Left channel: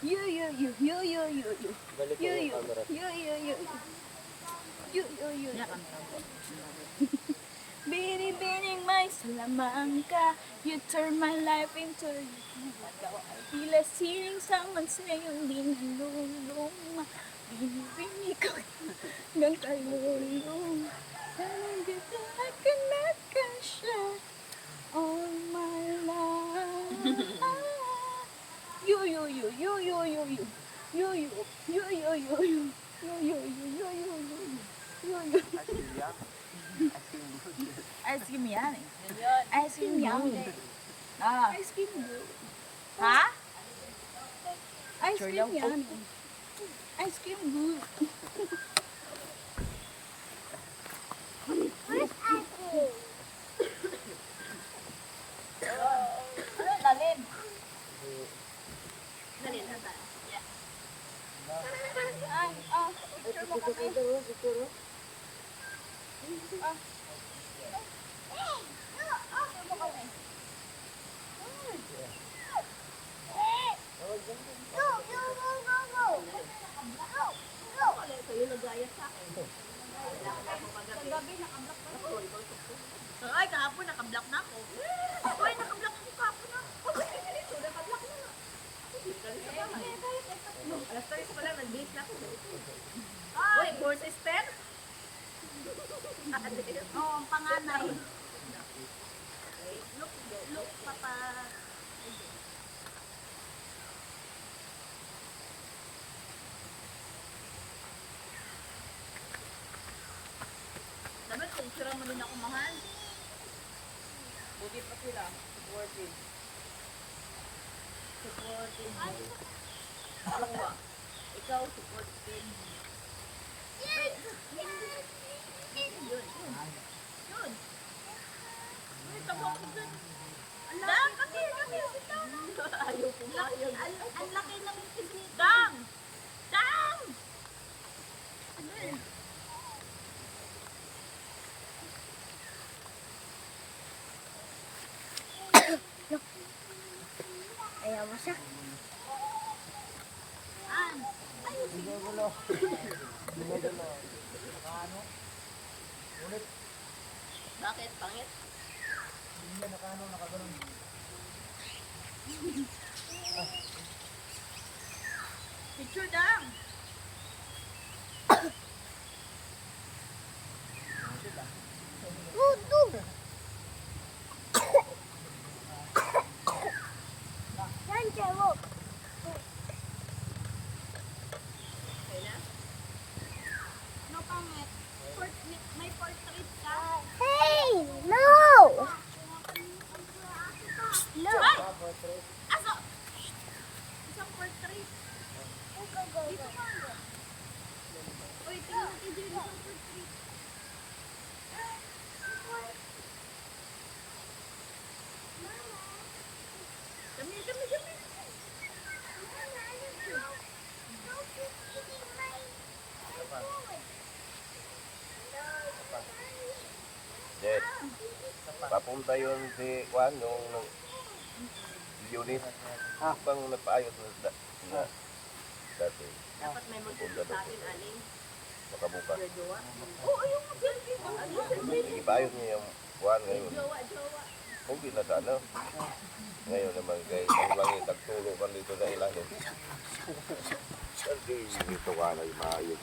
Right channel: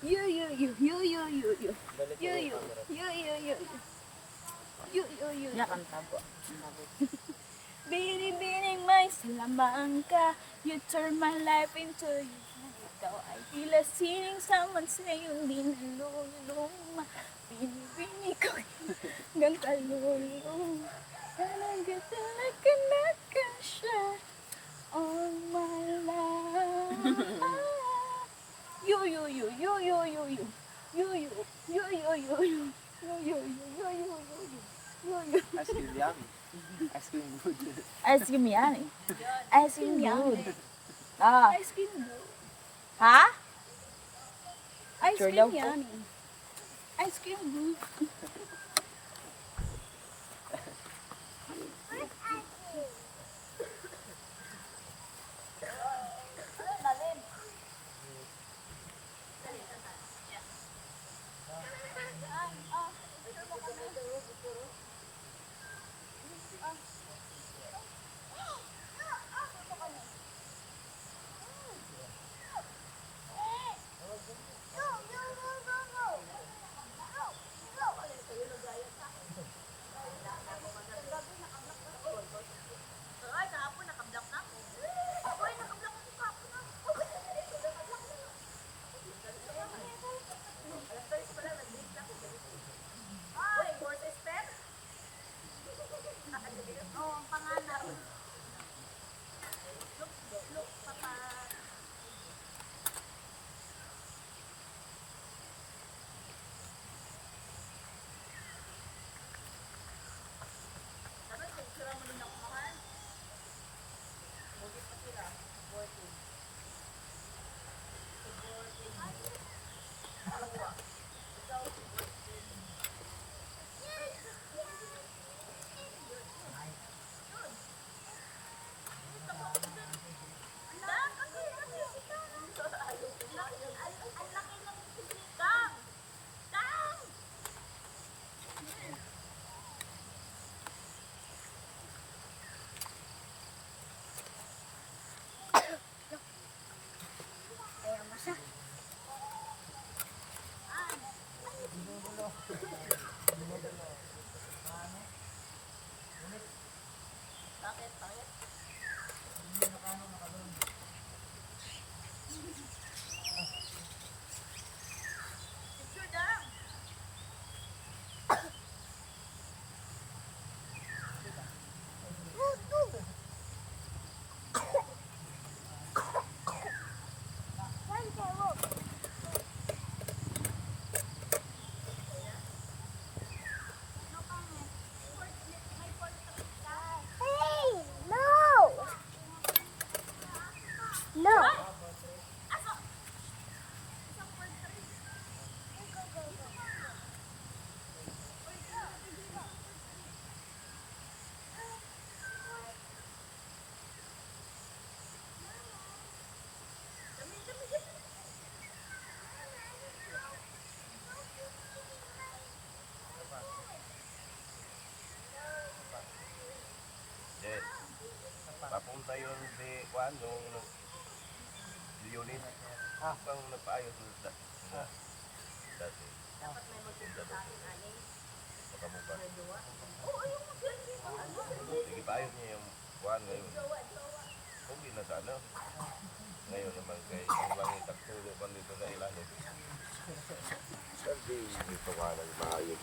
You, you, you, you, you, you, you. You, you, you, you, you, you. You, you, you, you. Binibining may salamang ka. You turn my life into you. Ikaw ay tila sining saman sa iyong linalulong. Binibining ko hanggang kalulong. Sanang ganda na ka siya all my life. You, you, you, you, you, you, you. You, you, you, you, you, you. You, you, you, you, you, you, you. You, you. Ice cream yummy. Ice cream yummy. Ah. Ice cream good. Ha? Ice cream yummy. Ice cream good. Ay, kahapon nakablock na ako. Ay, nakablock ako kahapon na. Alas 3 pa lang, nag-date lang. Ay, course sister? Oo, ang panganay. Look, papa. Dapat, picture mo din ako, mahal. Buti pa sila. Supporting. Supporting. Ikaw, supporting. Yun. Yun. Wait, tama ako dyan. Dang, kami. Ayaw ko. Ang laki ng Dang! Dang! Ayaw mo siya. Bakit? Pangit? Picture dang! No pangit. May portrait ka. Hey! No! No! Aso! Isang portrait. Dito ka. Uy, tingnan natin dito isang portrait. Dami. Jet, papunta yun si Juan, yung unit. Bang nagpaayos na dati. Dapat may Papunta magpunta ba? sa akin, aling. Nakabuka. Jowa. Oo, yung mag-selfie mo. Ipaayos niya yung Juan ngayon. Jowa. Kung di na sana. Ngayon naman kay ang langit nagtulo man dito sa ilalim. Hindi dito ka na yung maayos.